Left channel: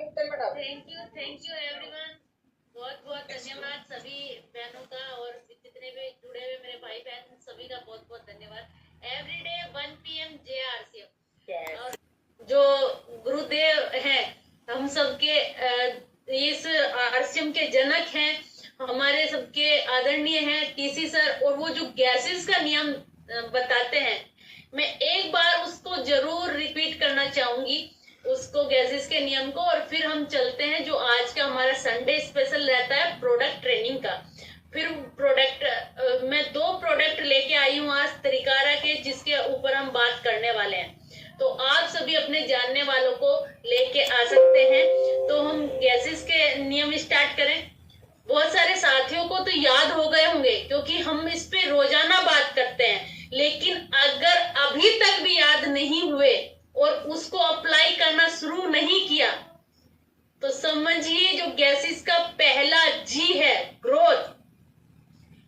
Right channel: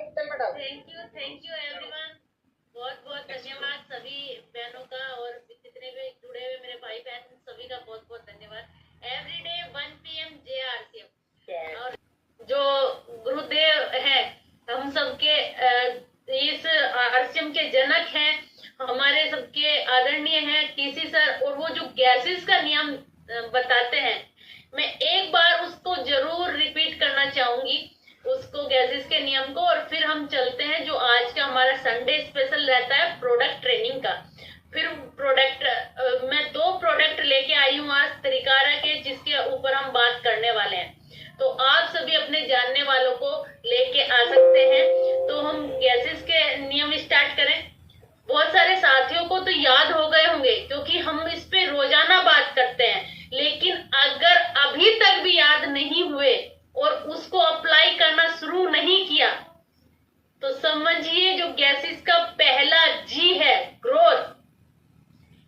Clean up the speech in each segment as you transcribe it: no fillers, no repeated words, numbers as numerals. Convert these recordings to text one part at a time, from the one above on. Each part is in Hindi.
Thank you everyone. बहुत बहुत धन्यवाद सभी बहनों का और जितने भी जुड़े हुए मेरे भाई बहन सभी का बहुत बहुत धन्यवाद। एवरीडे 1 PM JRCM और जो गुरुदेव है हम सबके इस आरसीएम के जनक हैं, हमारे सबके आदरणीय हैं टीसी सर, और वो जो गैसेस का नियम बताते हैं, मैं एक बार उसको जरूर रिपीट करना चाहूंगी, उसको गैसेस के नियम को, और फिर हम चलते हैं जो आज का हमारा संडे स्पेशल रहता है प्रोडक्ट ट्रेनिंग का। फिर प्रोडक्ट मैं 2 प्रोडक्ट लेके आई हूँ आज तरीकारा के, जिसके ऊपर हम बात करने वाले हैं, तो आप सभी अपने जानने वालों को लेके आ सकते हैं। तो हम गैसेस के नियम स्टार्ट करें। बहुत सारे साथियों को तो याद हो गए होंगे क्योंकि हम इस पे रोजाना बात करते हैं, लेकिन अगर अभी तक भी याद नहीं हुए और उसको अप्लाई करना शुरू नहीं किया तो समझिए जो गैसेस का पहला जी है ग्रोथ,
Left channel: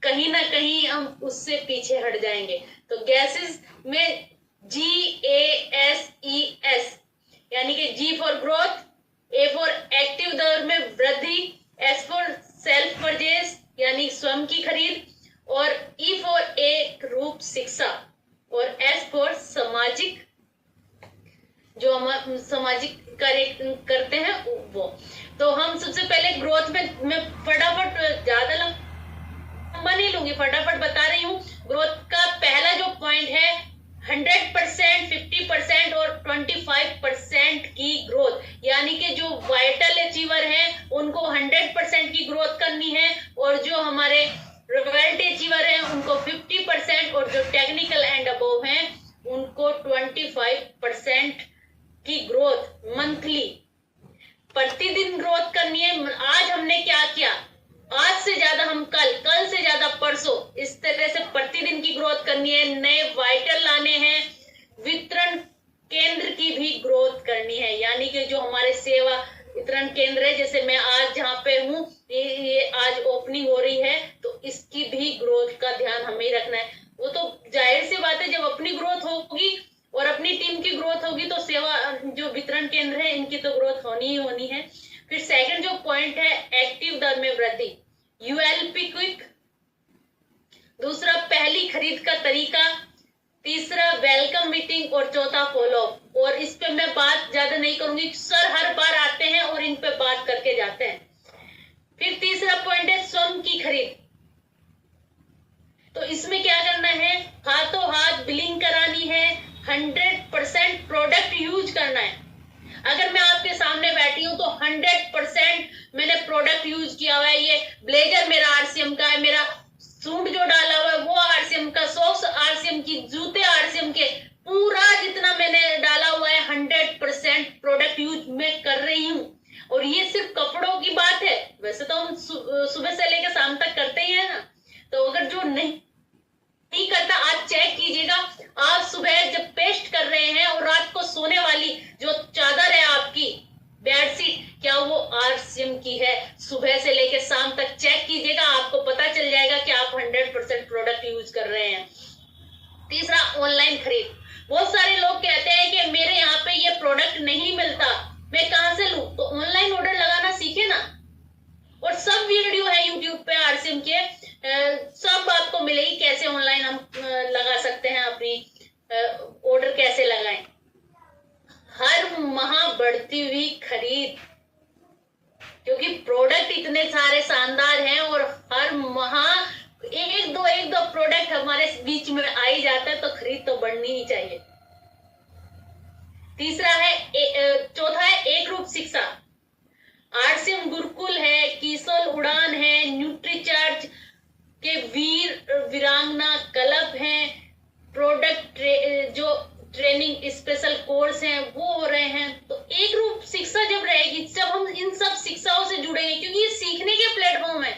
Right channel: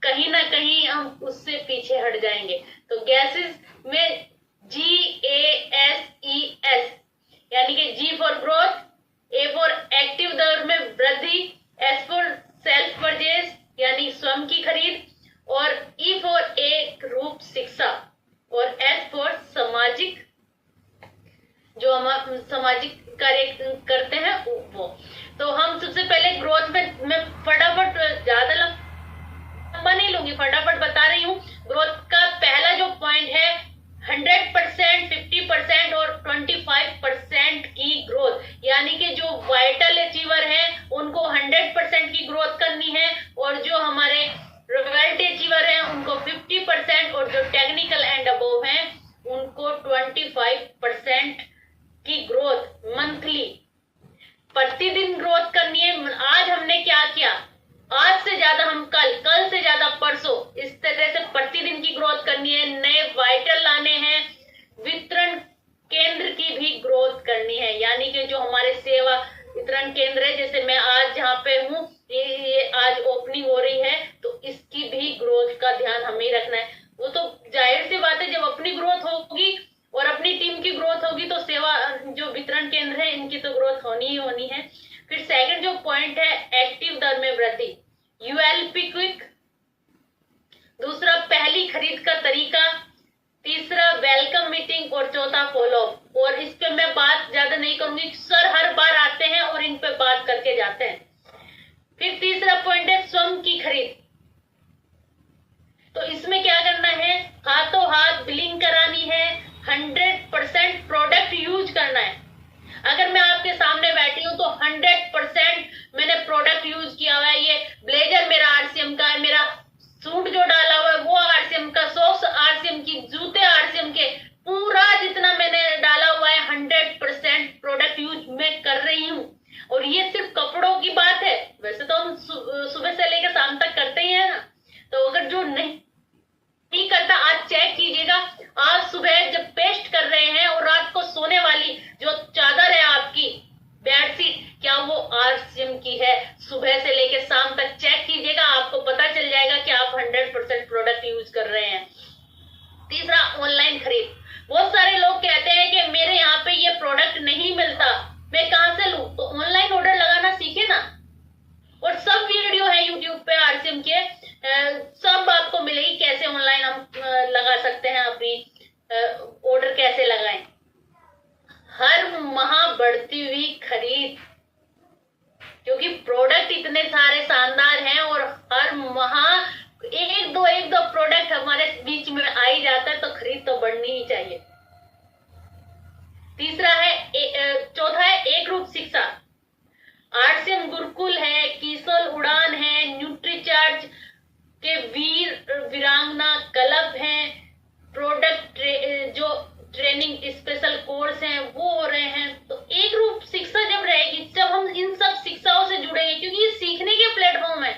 कहीं ना कहीं हम उससे पीछे हट जाएंगे। तो गैसेस में GASES यानी कि G for growth, A for active दर में वृद्धि, S फॉर सेल्फ परचेज यानी स्वयं की खरीद, और E फॉर एक रूप शिक्षा, और S फॉर सामाजिक, जो हम सामाजिक कार्य करते हैं वो। तो हम सबसे पहले ग्रोथ में मैं फटाफट ज्यादा लंबा नहीं लूंगी, फटाफट बता रही हूँ। ग्रोथ का पहला जो पॉइंट है 100%, 50% और 25% की ग्रोथ, यानी कि जो वाइटल अचीवर है उनको 100% की ग्रोथ करनी है, और जो हमारे रॉयल्टी अचीवर है उनको 50%, और जो टेक्निकल एंड अबोव है उनको 25% की ग्रोथ मंथली प्रतिदिन ग्रोथ करनी है। आज हमने क्या किया, आज से ज्यादा हम कल, कल से ज्यादा परसों, इस तरह से प्रतिदिन की ग्रोथ करनी है। नए वाइटल लाने हैं, वितरण केंद्र की भी ग्रोथ करनी है, यानी कि जो हमारे सेवा वितरण केंद्र है, जैसे मैं आज जहाँ पे हूँ ये आज ओपनिंग हो रही है, तो इसकी भी ग्रोथ का ध्यान हमें रखना है। वो तो जाहिर सी बात है, जब अपनी ग्रोथ होगी और अपनी टीम की ग्रोथ होगी तो सेवा जो वितरण केंद्र है इनकी तो ग्रोथ होनी ही होनी है। फिर सेकंड जो पॉइंट है एक्टिव दर में वृद्धि, ULP क्विक। दूसरा पहली खरीद का तरीका, तीसरा वेलकम मीटिंग, और चौथा फॉलो। और इस पे मैं बात ज्यादा नहीं करूंगी, सर हर बार आते हैं और इन पे बात करके जाते हैं। फिर तीसरा पॉइंट है स्वयं की खरीद। तो इसमें क्या करना है, हाथों हाथ बिलिंग करानी है, 100% प्रोडक्ट यूज करना है। अगर मैं आपके सामने बैठी हूं तो 100% मैंने प्रोडक्ट यूज किया हुआ है। ये ब्लेजर मेरा आरसीएम का है, मेरा सूट जो डाला हुआ है वो आरसीएम का, सॉक्स आरसीएम की, जूते आरसीएम के, पूरा जितना मैंने डाला हुआ है 100% प्रोडक्ट यूज मैं कर रही हूँ। और ये सिर्फ कपड़ों की बात है, वैसे तो हम सुबह से लेकर शाम तक करते ही है ना। तो अगर जो नहीं करता आज चेक कीजिएगा, आज सुबह जब पेस्ट कर रहे हैं और रात को सोने वाली जो चादर है आपकी बेडशीट, क्या वो आरसीएम की है? सुबह से लेकर शाम तक चेक कीजिएगा, आपको पता चल जाएगा कि आप 100% प्रोडक्ट यूज कर रहे हैं। तीसरा ऑनलाइन खरीद। बहुत सारे लोग कहते हैं कि मेरे यहाँ पे ये प्रोडक्ट नहीं मिलता, मैं कहां से लूं? तो ऑनलाइन ऑर्डर लगाना सीखे ना, और सब वीडियो है यूट्यूब पे आरसीएम के, सब आपको मिलेगी कैसे ऑनलाइन हम लगा सकते हैं, अपनी ऑर्डर कैसे लगाएं। हर माह बढ़ती हुई खरीद, क्योंकि प्रोडक्ट इतने सारे शानदार हैं और हर माह एक दो प्रोडक्ट हमारे बीच में आ ही जाता है, तो खरीद तो बढ़नी ही चाहिए। तीसरा है चौथा है एक रूप शिक्षा। आरसीएम गुरुकुल है, किशोर उड़ान है, न्यूट्रीचार्ज के वीर वीरांगना क्लब है, प्रोडक्ट जो ट्रेनिंग स्पेशल कोर्स हैं वो हो रहे हैं। तो एक रूप शिक्षा जब रहेगी, जब हम इन सब शिक्षाओं से जुड़ेंगे, क्योंकि ये सीखने के प्लेटफॉर्म है,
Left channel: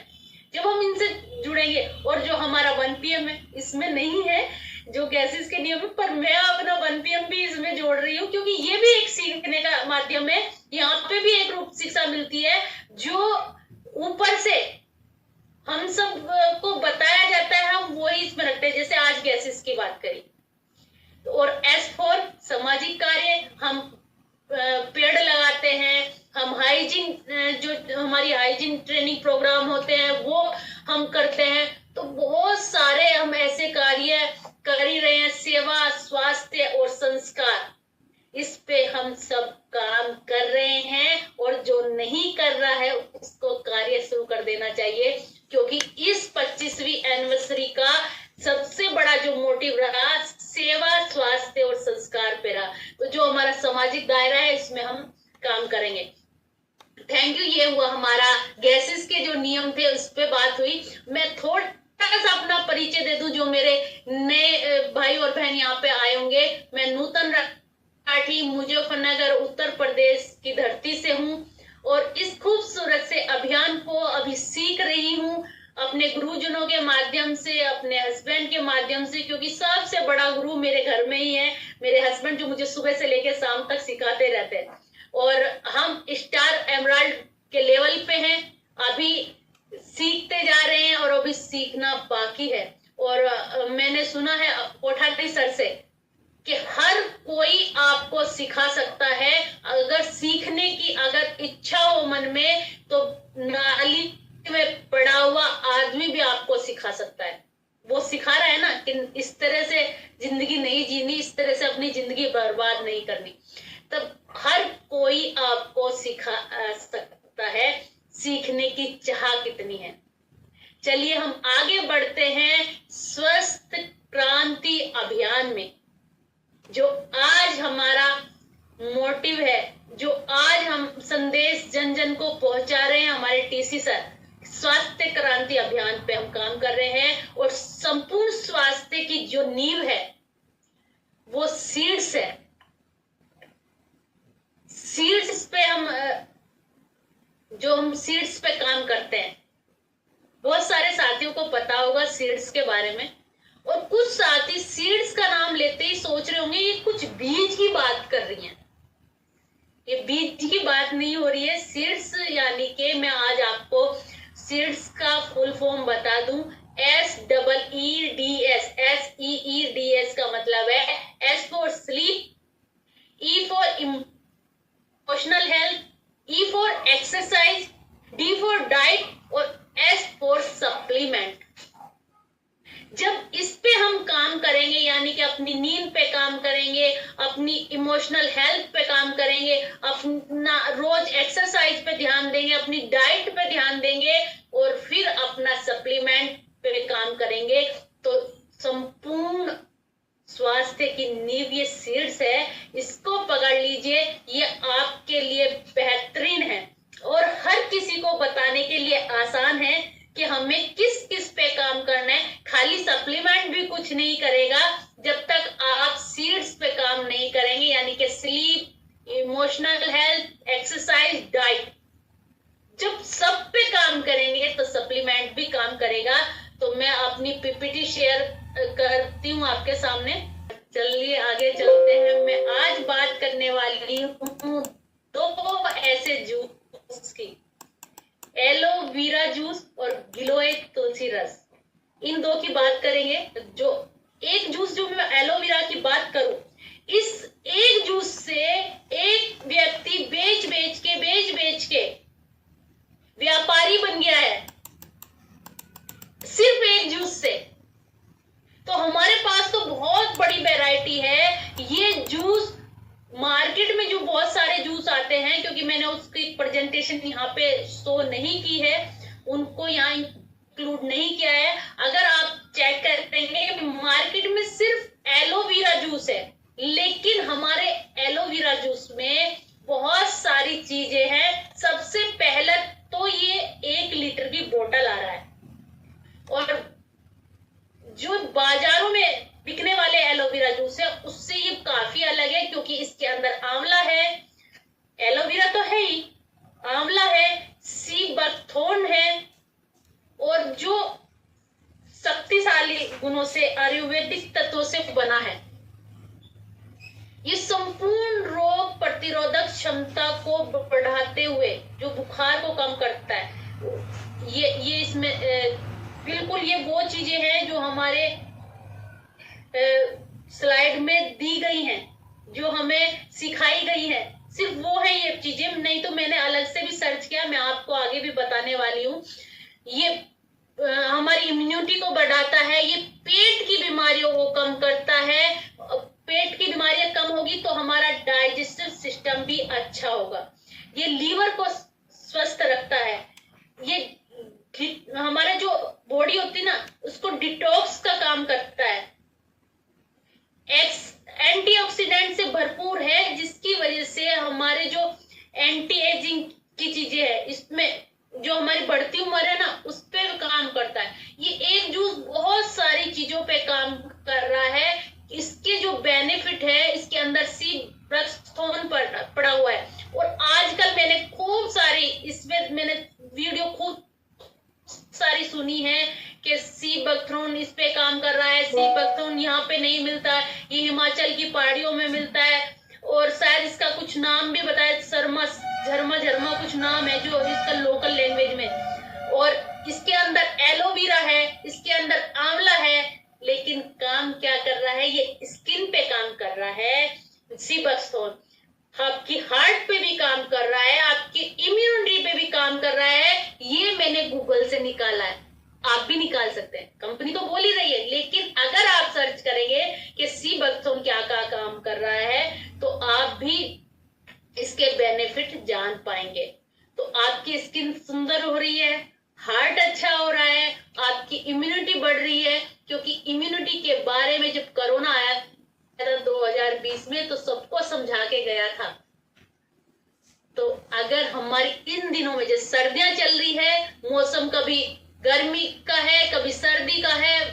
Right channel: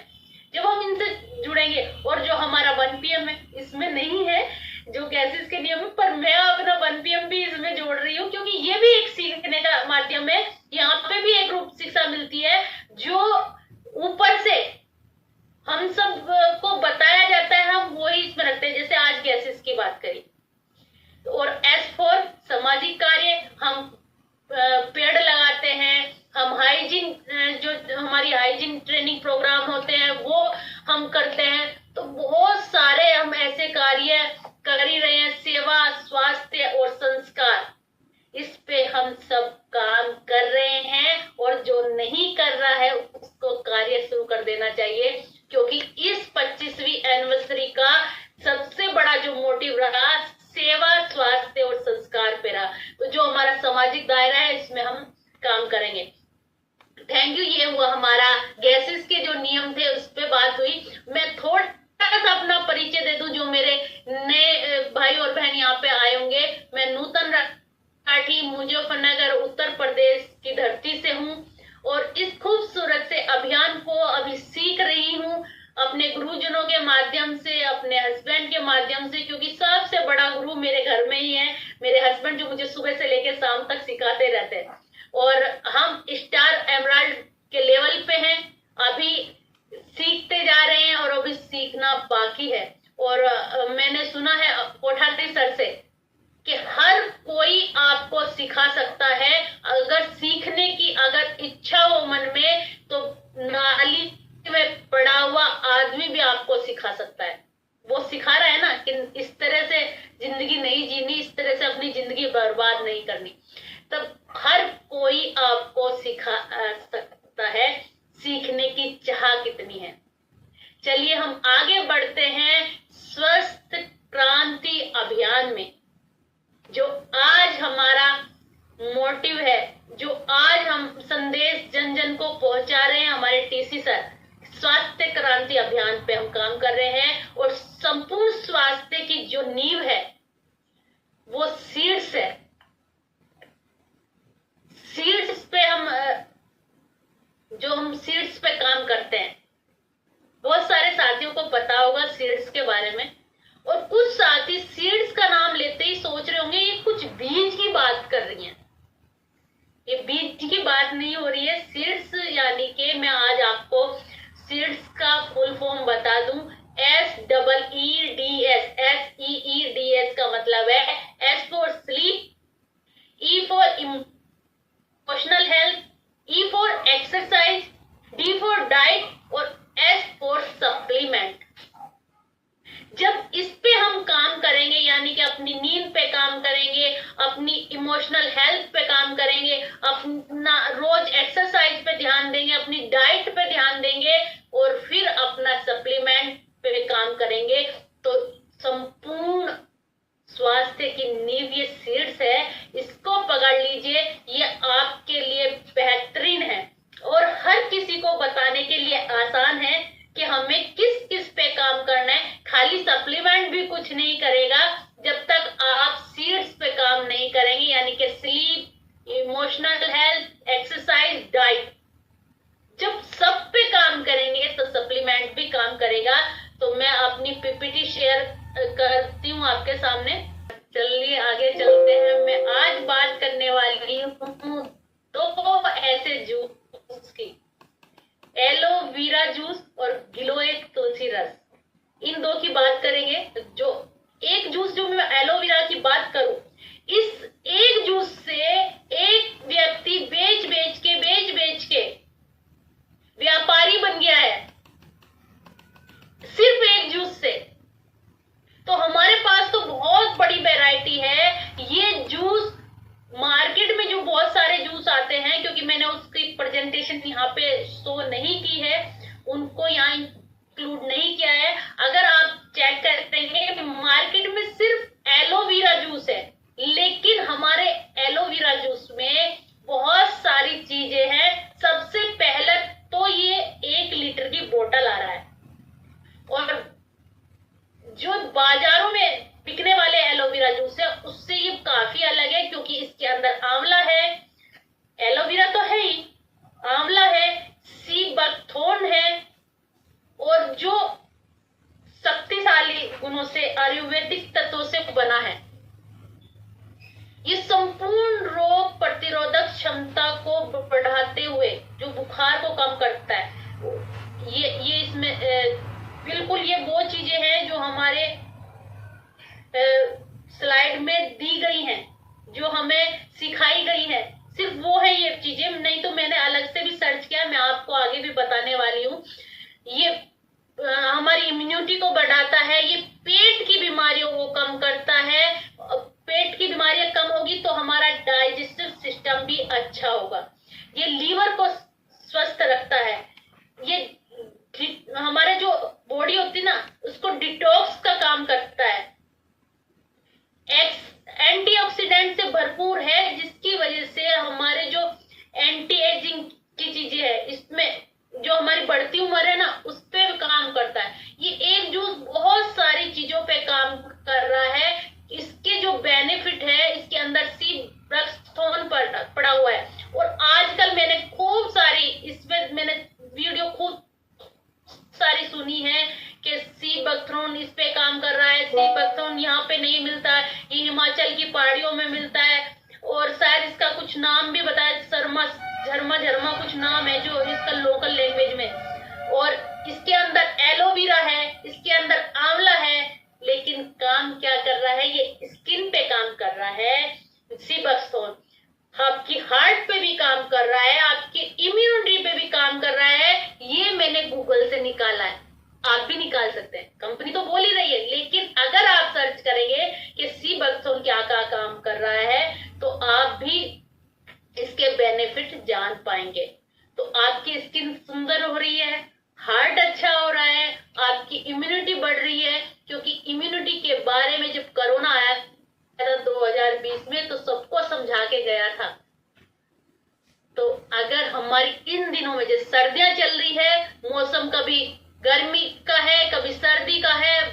जब हम इनसे जुड़ेंगे, और जो हमारा 1 PM है इसमें नहीं है जो गैसेस के नियम, पर मैं अपना 1 PM भी इसमें जोड़ रही हूँ, क्योंकि ये भी एक सीखने का माध्यम है। यहाँ पे भी एक रूप शिक्षा मिलती है जो ऊपर से हम सब को बताया जाता है, हम वही इसमें रखते हैं, जैसे आज गैसेस की बात करी। और S फॉर सामाजिक कार्य, हम पेड़ लगाते हैं, हम हाई हमारी हाइजीन ट्रेनिंग प्रोग्राम होते हैं वो हम करते हैं। तो बहुत सारे हम ऐसे कार्य कर ही रहे हैं, सेवा, स्वास्थ्य और संस्कार, इस पे हम सब काम कर रहे हैं। और जो नहीं कर रहा है उसको कार्य शुरू कर देना चाहिए, क्योंकि इस 25वीं एनिवर्सरी का सबसे बड़ा जो मोटिव रहा सेवा, स्वास्थ्य और संस्कार पे रहा। तो जो हमारा सामाजिक दायरा है इसमें हम काम करेंगे। Thank you. ये हुआ हमारा गैसेस के जो नियम थे उस पे बात हुई। मैं थोड़ा सा अपना परिचय दे दूं, जो मेरे नए भाई और बहन यहाँ पे आए होंगे। मैं नूतन राठी मुजफ्फरनगर उत्तर प्रदेश की धरती से हूँ और इस खूबसूरत से अभियान को अभी सीख रही हूँ अपने गुरुजनों के माध्यम से, अपने हस्बैंड के माध्यम से, क्योंकि सबसे बड़ा गुरु मेरे घर में ही है, मेरे हस्बैंड, जो मुझे सुबह से लेकर शाम तक सिखाते रहते हैं। और हम स्टार एमराल्ड के लेवल पे हैं, अभी सीखते जा रहे हैं और अभी सीखना बाकी है। और मैंने सुना है कोठारी सर से कि हर कोई आपको सिखा सकता है, अगर सीखने की अगर इच्छा हो मन में तो नाली में पड़ा हुआ आदमी भी आपको सिखा सकता है। वो सिखा रहा है ना कि इस तरह से जिंदगी नहीं जीनी, इस तरह से अपनी जिंदगी बर्बाद नहीं करनी। तब हर कोई आपको सिखा सकता है, सीखने की चाह कितनी है। चलिए हम आगे बढ़ते हैं स्वस्थ क्रांति अभियान में। जो आज हमारा मोटिव है, जो आज हम संदेश जन जन को पहुंचा रहे हैं, हमारे टीसी सर, स्वास्थ्य क्रांति अभियान पे हम काम कर रहे हैं। और संपूर्ण स्वास्थ्य की जो नींव है वो सीड्स है। सीड्स पे हम सीड्स पे काम करते हैं। बहुत सारे साथियों को पता होगा सीड्स के बारे में, और कुछ साथी सीड्स का नाम लेते ही सोच रहे होंगे ये कुछ बीज की बात कर रही हैं। ये बीज की बात नहीं हो रही है। सीड्स यानी कि मैं आज आपको सीड्स का फुल फॉर्म बता दूं। SEEDS, SEEDS का मतलब है S for sleep, E for emotional health, E for exercise, D for diet और S फॉर सप्लीमेंट। जब इस पे हम काम करेंगे, यानी कि अपनी नींद पे काम करेंगे, अपनी इमोशनल हेल्थ पे काम करेंगे, अपना रोज एक्सरसाइज पे ध्यान देंगे, अपनी डाइट पे ध्यान देंगे और फिर अपना सप्लीमेंट पे काम करेंगे, तो संपूर्ण स्वास्थ्य की नींव ये सीड्स है। इसको पकड़ लीजिए, ये आपके लिए बेहतरीन है और हर किसी को बताने के लिए आसान है कि हमें किस किस पे काम करना है। खाली सप्लीमेंट भी कुछ नहीं करेगा जब तक आप सीड्स पे काम नहीं करेंगे, यानी कि sleep, emotional health, exercise, diet. जब सब पे काम करेंगे तो सप्लीमेंट भी काम करेगा। तो मैं अपनी पीपीटी शेयर करती हूँ आपके सामने। चलिए आगे चलते हैं। मैं आज बात करने वाली हूँ 2 ऐसे जूस की, एलोवेरा जूस और गिलोय तुलसी रस। इन 2 की बात करेंगे। जो एक जूस, जो मैं एलोवेरा की बात करूं, इस एक जूस से एक व्यक्ति बेच बेच के व्यापारी बन गया है, सिर्फ एक जूस से। तो हमारे पास तो बहुत बड़ी वैरायटी है। ये जूस मार्केट में जो बहुत सारे जूस आते हैं, क्योंकि मैंने उसकी प्रेजेंटेशन यहाँ पे शो नहीं की है, उनको यहाँ इंक्लूड नहीं किया है। अगर आप चेक करते हैं मार्केट में सिर्फ एलोवेरा जूस है, लेकिन हमारे एलोवेरा जूस में बहुत सारी चीजें हैं। सबसे पहले तो ये 1 लीटर की बोतल आ रहा है, और जो बाजारों में बिकने वाले एलोवेरा जूस है उससे ये काफी अलग है, क्योंकि इसके अंदर आंवला है, एलोवेरा तो है ही, आंवला है, सी बकथॉर्न है, और जो शक्तिशाली गुणों से, आयुर्वेदिक तत्वों से बना है। ये संपूर्ण रोग प्रतिरोधक क्षमता को बढ़ाते हुए जो बुखार को कम करता है, ये इसमें बिल्कुल ये वो चीजें हैं जो हमारे स्लाइड में दी गई हैं, जो हमें सिखाई गई है। सिर्फ वो है ये चीजें, नहीं तो मैंने अलग से भी सर्च किया, मैं आपको आगे भी बताने वाली हूँ। ये हमारी इम्यूनिटी को बढ़ाता है, ये पेट की बीमारियों को कम करता है। पेट की बीमारियां कम होगी तो हमारा डाइजेस्टिव सिस्टम भी अच्छा होगा। ये लीवर को स्वस्थ रखता है। ये हमारे जो बॉडी होती है ना, उसको डिटॉक्स का काम करता है। एंटीऑक्सीडेंट से भरपूर है, जिसकी वजह से हमारे जो एंटी एजिंग की चीजें है, इसमें जो हमारी बढ़ती उम्र है ना, उस पर काम करता है। ये एक जूस बहुत सारी चीजों पे काम कर रहा है। इसके जो बेनिफिट है, इसके अंदर सी ब्रक्सथोन पड़ा हुआ है। और आजकल मैंने खूब सारी इसमें मैंने वीडियो खूब सारी सुनी है कि सी बकथ्रोन इस पे काम कर रहा है। सी बकथ्रोन यहाँ पे नहीं मिलता, ये हिमाचल की पहाड़ियों में मिलता है। और शायद इसका कुछ नाम भी बताया, शर्मा झरमा झरमा कुछ नाम है जो इसका लोकल लैंग्वेज में। और इसके अंदर एलोवेरा है, इसके अंदर आंवला है, लेकिन काम क्या कर रहा है, ये स्किन पे काम कर रहा है। सी बकथ्रोन आपकी हार्ट पे भी काम कर रहा है, आपकी इम्यूनिटी पे भी काम कर रहा है। ये मैंने गूगल से निकाला है, आप भी निकाल सकते हैं। कंपनी तो बोल ही रही है, लेकिन अगर आप सर्च करेंगे कि सी बकथ्रोन क्या क्या काम कर रहा है, तो आप भी इसके बेनिफिट जान पाएंगे। तो आपकी स्किन सुंदर हो रही है, हार्ट अच्छा हो रहा है, आपकी इम्यूनिटी बढ़ रही है। क्योंकि इम्यूनिटी के बारे में जब कोरोना आया था 2020 में, तो सबको समझा के गया था। तो अगर हमारी इन दिनों में जैसे सर्दियां चल रही है, मौसम कभी गर्मी का है, कभी सर्दी का है,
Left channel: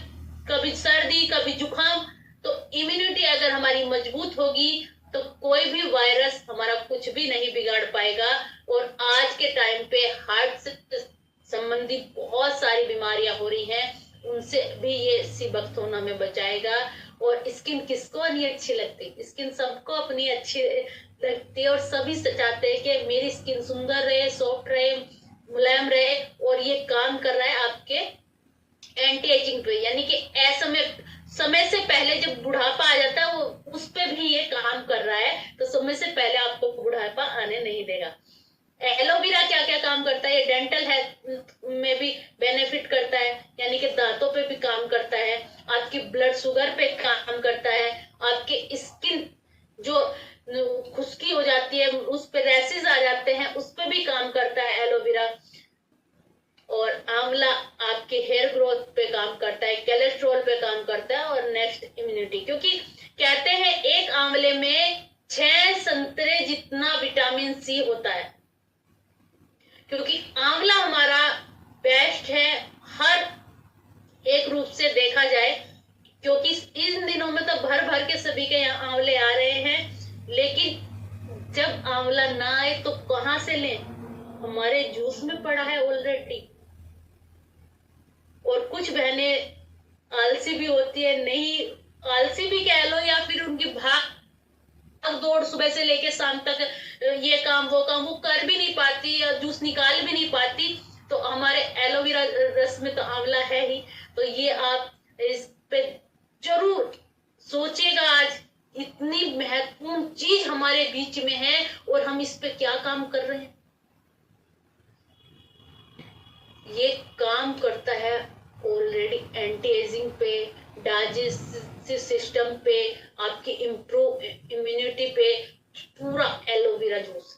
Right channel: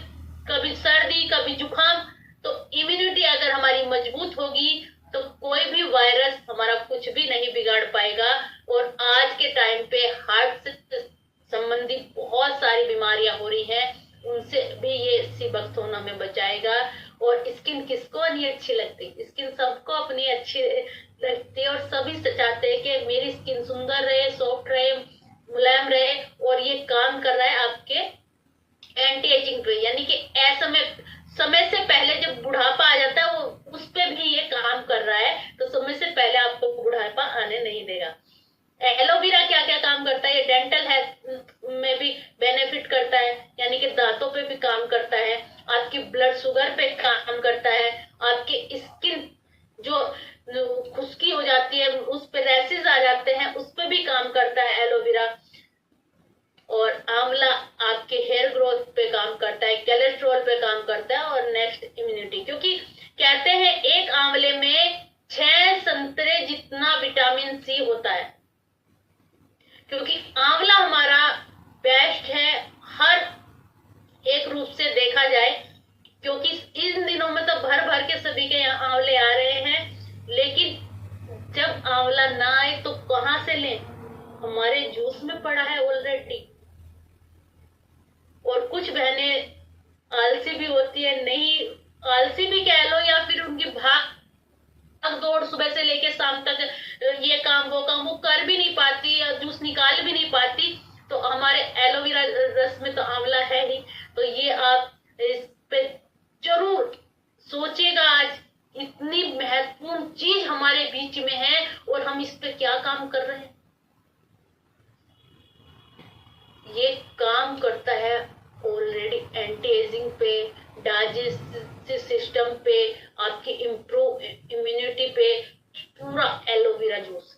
कभी सर्दी कभी जुकाम, तो इम्यूनिटी अगर हमारी मजबूत होगी तो कोई भी वायरस हमारा कुछ भी नहीं बिगाड़ पाएगा। और आज के टाइम पे हार्ट से संबंधित बहुत सारी बीमारियां हो रही हैं, उनसे भी ये सी बकथ्रोन हमें बचाएगा। और स्किन किसको नहीं अच्छी लगती, स्किन सबको अपनी अच्छी लगती है, और सभी चाहते हैं कि मेरी स्किन सुंदर रहे, सॉफ्ट रहे, मुलायम रहे। और ये काम कर रहा है आपके एंटी एजिंग पे, यानी कि समय से पहले जब बुढ़ापा आ जाता है, वो उस पे भी ये काम कर रहा है। तो समय से पहले आपको बुढ़ापा आने नहीं देगा। एलोवेरा क्या क्या काम करता है, ये डेंटल हेल्थ में भी बेनिफिट करता है, यानी कि दांतों पे भी काम करता है, आपकी ब्लड शुगर पे काम करता है, आपके स्किन जो खुश्की हो जाती है, उस पे रैशेज आ जाते हैं, उस पे भी काम करता है एलोवेरा। और आंवला आपके हेयर ग्रोथ पे काम करता है, कोलेस्ट्रॉल पे काम करता है, और नेक्स्ट इम्यूनिटी। क्योंकि कहते हैं एक आंवले में 6 संतरे जितना विटामिन सी होता है। क्योंकि आंवला हमारा बेस्ट है हर एक रूप से देखा जाए। क्योंकि इन दिनों में तो भर भर के सभी के यहाँ आंवले आ रहे हैं, लेकिन जब आंवला ना आए तो कहां से लें, हमारे जूस में पड़ा है ऑलरेडी। और कुछ बहनें आलसी भी होती है, नहीं आलसी भी कह लो, या फिर उनकी भाग दौड़ सुबह से लेके शाम तक, ये काम वो कर भी नहीं पाती, या जूस निकाल भी नहीं पाती। तो हमारे एलोवेरा रस में तो आंवला है ही। तो ये आप इस पे जरूर सोचिएगा। आज इतनी महत्वपूर्ण चीज हमारे बीच में है और हम इस पे क्या काम कर रहे हैं। ये काम करता है ऑलरेडी एंटी एजिंग पे, डाइजेस्टिव सिस्टम पे, आपकी इम्प्रूव इम्यूनिटी पे, पूरा एलोवेरा जूस।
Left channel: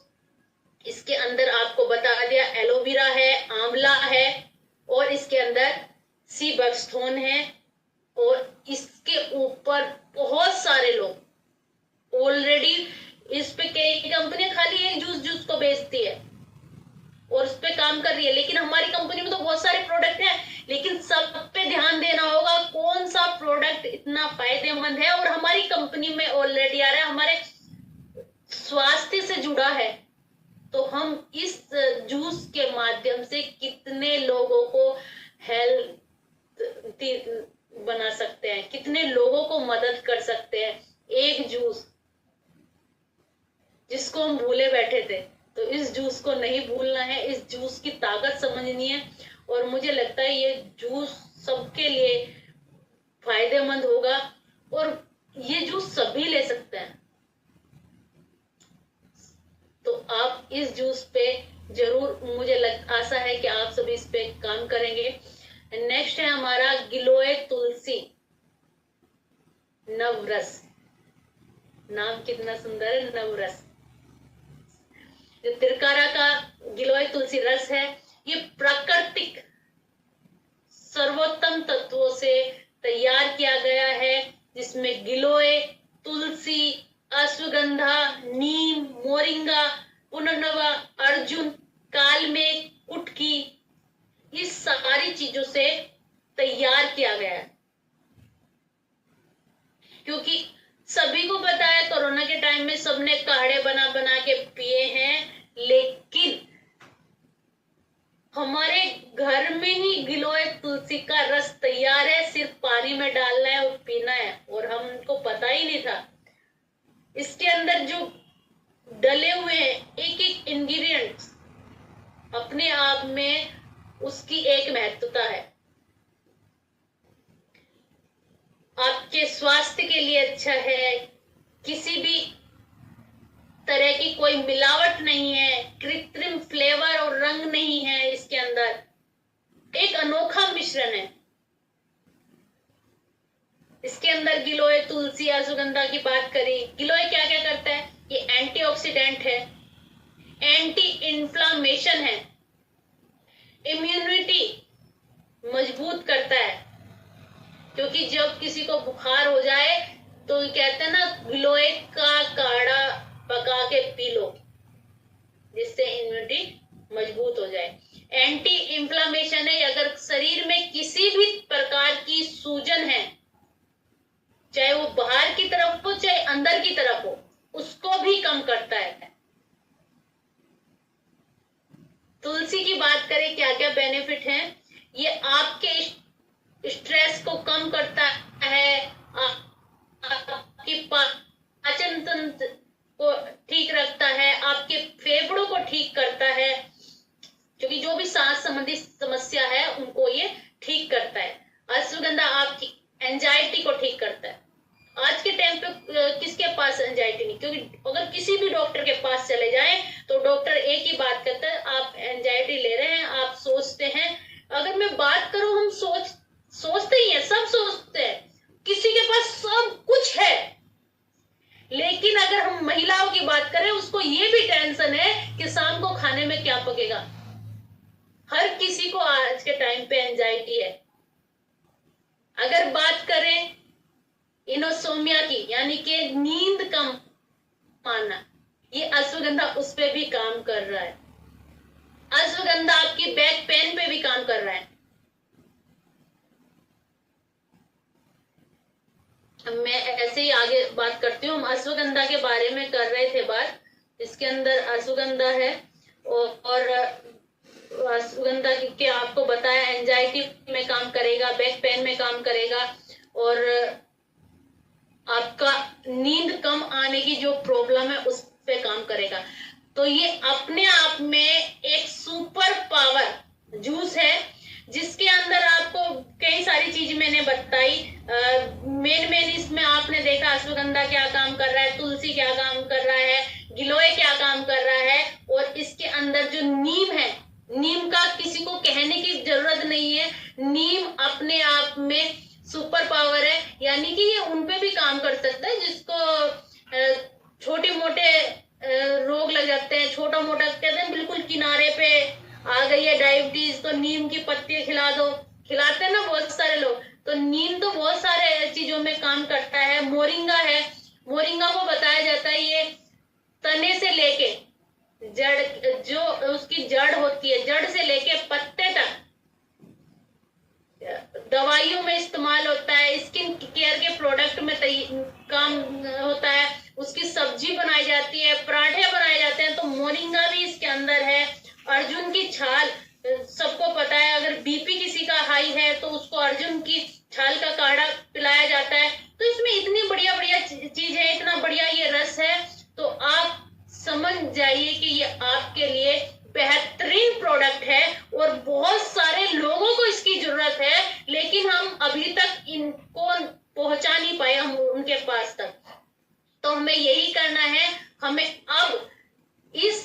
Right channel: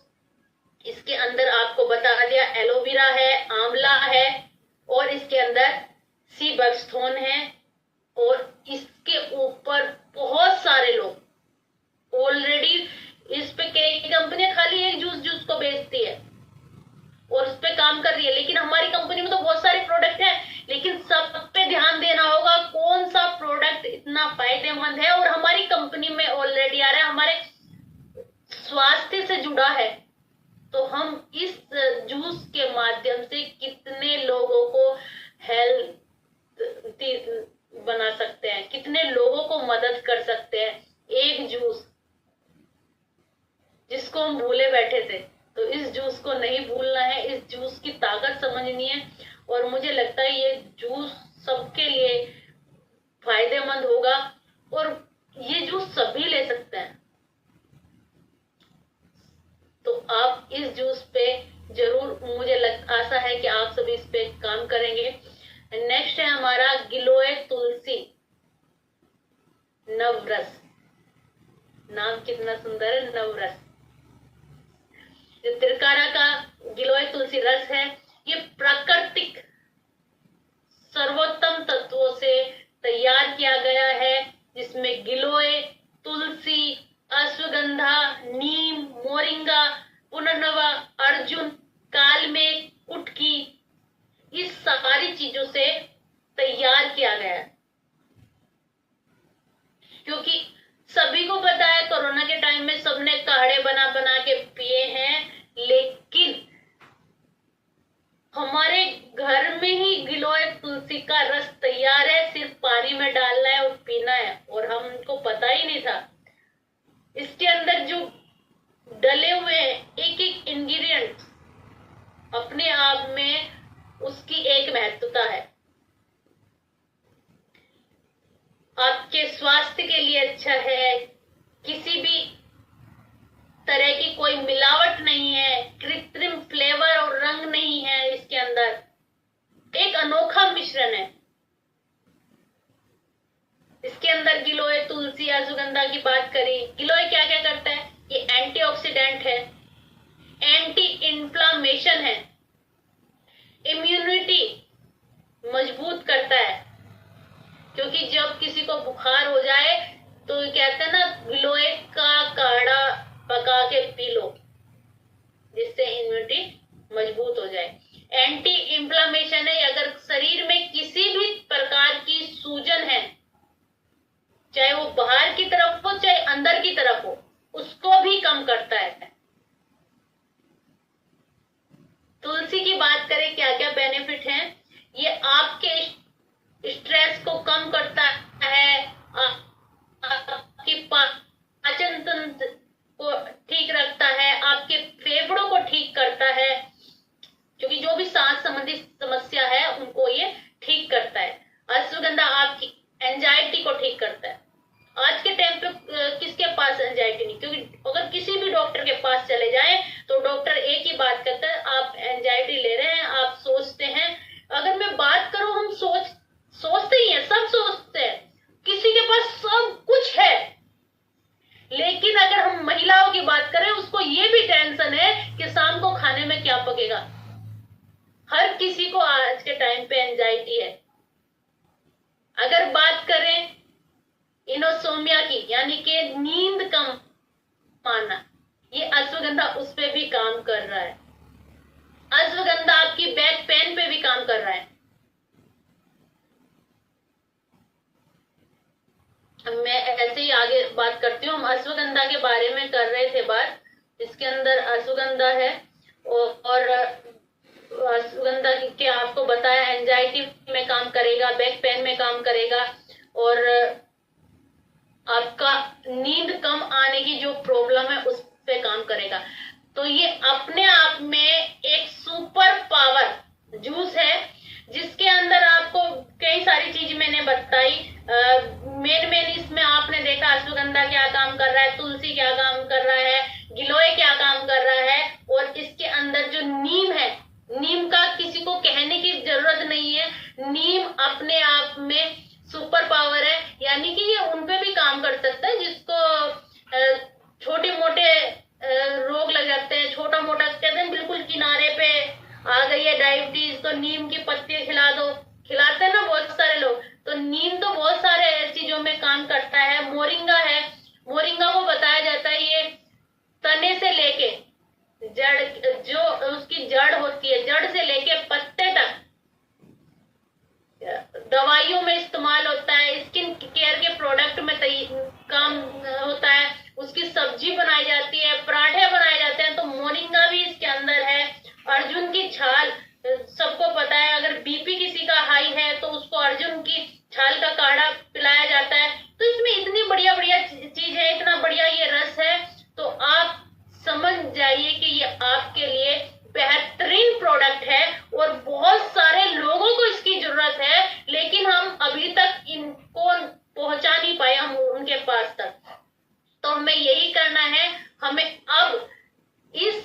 इसके अंदर आपको बता दिया एलोवेरा है, आंवला है, और इसके अंदर सी बकथ्रोन है। और इसके ऊपर बहुत सारे लोग ऑलरेडी इस पे, कई कंपनियां खाली एक जूस को बेचती है और उस पे काम कर रही है, लेकिन हमारी कंपनी में तो बहुत सारे प्रोडक्ट हैं। लेकिन सब पे ध्यान देना होगा कौन सा प्रोडक्ट इतना फायदेमंद है और हमारी कंपनी में ऑलरेडी आ रहा है, हमारे स्वास्थ्य से जुड़ा है। तो हम इस जूस के माध्यम से कितने लोगों को हेल्थ बना सकते हैं, कितने लोगों को मदद कर सकते हैं। एक जूस जिसको हम भूले बैठे थे, तो इस जूस को नहीं भूलना है, इस जूस की ताकत समझनी है। और मुझे लगता है ये जूस सबके लिए फायदेमंद होगा, और ये जूस सभी ले सकते हैं। तो आप इस जूस पे जरूर, आशा है कि आप सभी इस पे काम करेंगे। नेक्स्ट है हमारा गिलोय तुलसी नवरस। नाम कितना सुंदर है, नवरस। जो तिरकारा का गिलोय तुलसी रस है, ये प्राकृतिक सर्वोत्तम तत्वों से तैयार किया गया है, जिसमें गिलोय, तुलसी, अश्वगंधा, नीम, मोरिंगा, पुनर्नवा, अर्जुन, कालमेघ, कुटकी, इस सारी चीजों से तैयार किया गया है। क्योंकि सभी को पता है कोरोना के टाइम में सबने काढ़े बना बना के पिए हैं, लेकिन हमारे घर में ही गिलोय तुलसी का रस तैयार है, सिर्फ पानी में डालना है और पीना है, और हमको पता ही नहीं था। इसके अंदर जो डले हुए हैं एक एक इंग्रेडिएंट्स, अपने आप में उसकी एक महत्वता है। आपके स्वास्थ्य के लिए अच्छा है, किसी भी तरह की कोई मिलावट नहीं है, कृत्रिम फ्लेवर और रंग नहीं है इसके अंदर, एक अनोखा मिश्रण है। इसके अंदर गिलोय, तुलसी, अश्वगंधा की बात करी। गिलोय क्या क्या करता है? ये एंटीऑक्सीडेंट है, एंटी इन्फ्लामेशन है, इम्यूनिटी मजबूत करता है। क्योंकि जब किसी को बुखार हो जाए तो कहते हैं ना, गिलोय का काढ़ा पका के पी लो, जिससे इम्यूनिटी मजबूत हो जाए। एंटी इन्फ्लामेशन है, अगर शरीर में किसी भी प्रकार की सूजन है, चाहे वो बाहर की तरफ हो चाहे अंदर की तरफ हो, उसको भी कम करता है। तुलसी की बात करें, क्या क्या बेनिफिट हैं? ये आपके स्ट्रेस को कम करता है, आपकी पाचन तंत्र को ठीक रखता है, आपके फेफड़ों को ठीक करता है, क्योंकि जो भी सांस संबंधी समस्या है उनको ये ठीक करता है। अश्वगंधा आपकी एंजाइटी को ठीक करता है। आज के टाइम पे किसके पास एंजाइटी नहीं? क्योंकि अगर किसी भी डॉक्टर के पास चले जाएं तो डॉक्टर एक ही बात कहता है, आप एंजाइटी ले रहे हैं, आप सोचते हैं। अगर मैं बात करूं, हम सोचते ही हैं, सब सोचते हैं, किसी के पास सब कुछ है, लेकिन अगर हम महिलाओं की बात करें, उसको ये भी टेंशन है कि शाम को खाने में क्या पकेगा। हर किसी को आज के टाइम पे एंजाइटी है। अगर बात करें इनोसोमिया की, यानी कि नींद कम आना, ये अश्वगंधा उस पे भी काम कर रहा है। अश्वगंधा आपकी बैक पेन पे भी काम कर रहा है। मैं ऐसे ही आगे बात करती हूँ। हम अश्वगंधा के बारे में कर रहे थे बात। इसके अंदर अश्वगंधा है और अश्वगंधा के आपको बताया एंजाइटी में काम करेगा, बैक पेन में काम करेगा, और आपका नींद कम आने की जो प्रॉब्लम है उस पे काम करेगा। तो ये अपने आप में एक सुपर पावर जूस है, जिसके अंदर आपको कई सारी चीज मैंने बताई। मेन इसमें आपने देखा अश्वगंधा क्या काम कर रहा है, तुलसी क्या काम कर रहा है, गिलोय क्या काम कर रहा है, और इसके अंदर जो नीम है, नीम का किसी को कहने की जरूरत नहीं है। नीम अपने आप में सुपर पावर है, यानी कि ये उनपे भी काम कर सकता है जिसको छोटे मोटे रोग लग जाते हैं, छोटा मोटा कहते हैं बिल्कुल किनारे पे आ गई है डायबिटीज, तो नीम की पत्ती खिला दो, खिलाते हैं ना बहुत सारे लोग। तो नीम तो बहुत सारे चीजों में काम करता है। मोरिंगा है, मोरिंगा को बताया जाता है ये तने से लेके जड़, जो उसकी जड़ होती है, जड़ से लेके पत्ते तक दवाइयों में इस्तेमाल होता है, स्किन केयर के प्रोडक्ट में काम होता है, उसकी सब्जी बनाई जाती है, पराठे बनाए जाते हैं। तो मोरिंगा भी इसके अंदर है। अर्जुन की छाल, सबको पता है, अगर बीपी किसी का हाई है तो उसको अर्जुन की छाल का काढ़ा पिलाया जाता है। तो इसमें इतनी बढ़िया बढ़िया चीज है, इतना बढ़िया ये रस है, तो आप समझ जाइए कि ये आपके लिए बेहतरीन प्रोडक्ट है और बहुत सारे लोगों को इसकी जरूरत है, लेकिन हम अभी तक इनको पहुंचा नहीं पाए हम उनके पास तक। तो हमें यही करना है, हमें अब इस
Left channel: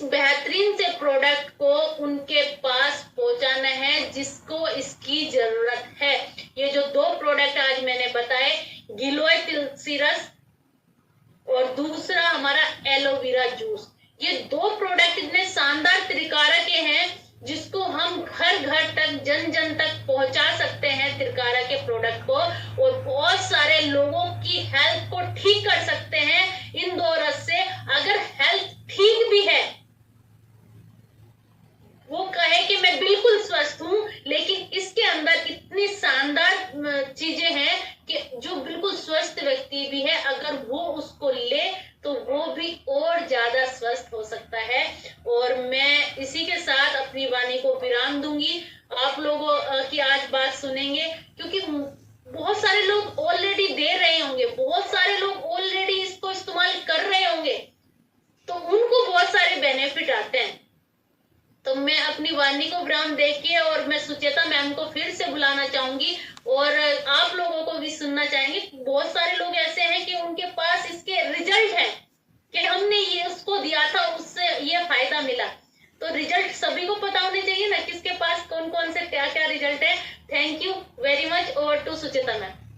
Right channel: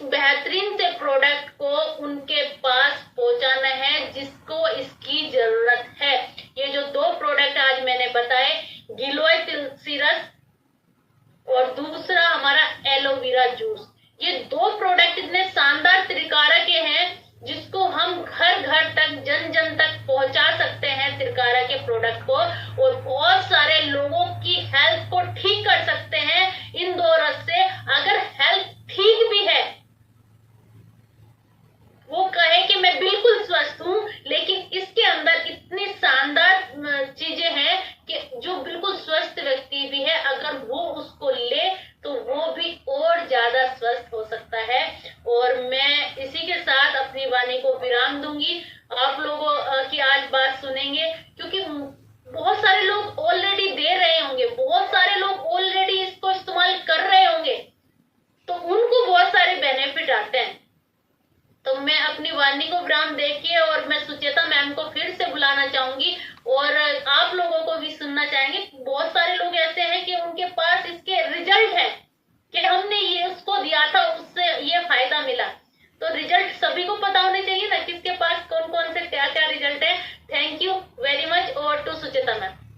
चीजें हैं कि जो बिल्कुल स्वस्थ व्यक्ति भी है, अगर वो उसको ले तो वो भी और ज्यादा स्वस्थ हो सकता है। और मैं इसी के साथ अपनी वाणी को विराम दूंगी। आप लोगों की आज बात सुनेंगे, क्योंकि बहुत सारे लोग ऑलरेडी दे रहे होंगे, बहुत सारे लोग ऑलरेडी इसको इस्तेमाल कर रहे होंगे, तो उनको बहुत सारे बेनिफिट आते हैं। तो मैं अपनी वाणी को विराम देके और मैं सुचेता मैम को फिर से बुलाना चाहूंगी और आप लोगों को भी सुनना चाहेंगे। बहुत सारे लोग ऐसे हैं कि उनके पास इसके रिजल्ट है कि हमने ये उसको दिया था, उससे ये फायदा मिला। तो रिजल्ट सभी को पता होने चाहिए ना, किसके पास कौन कौन से क्या क्या रिजल्ट है। Thank you very much. और टू सुचेता मैम।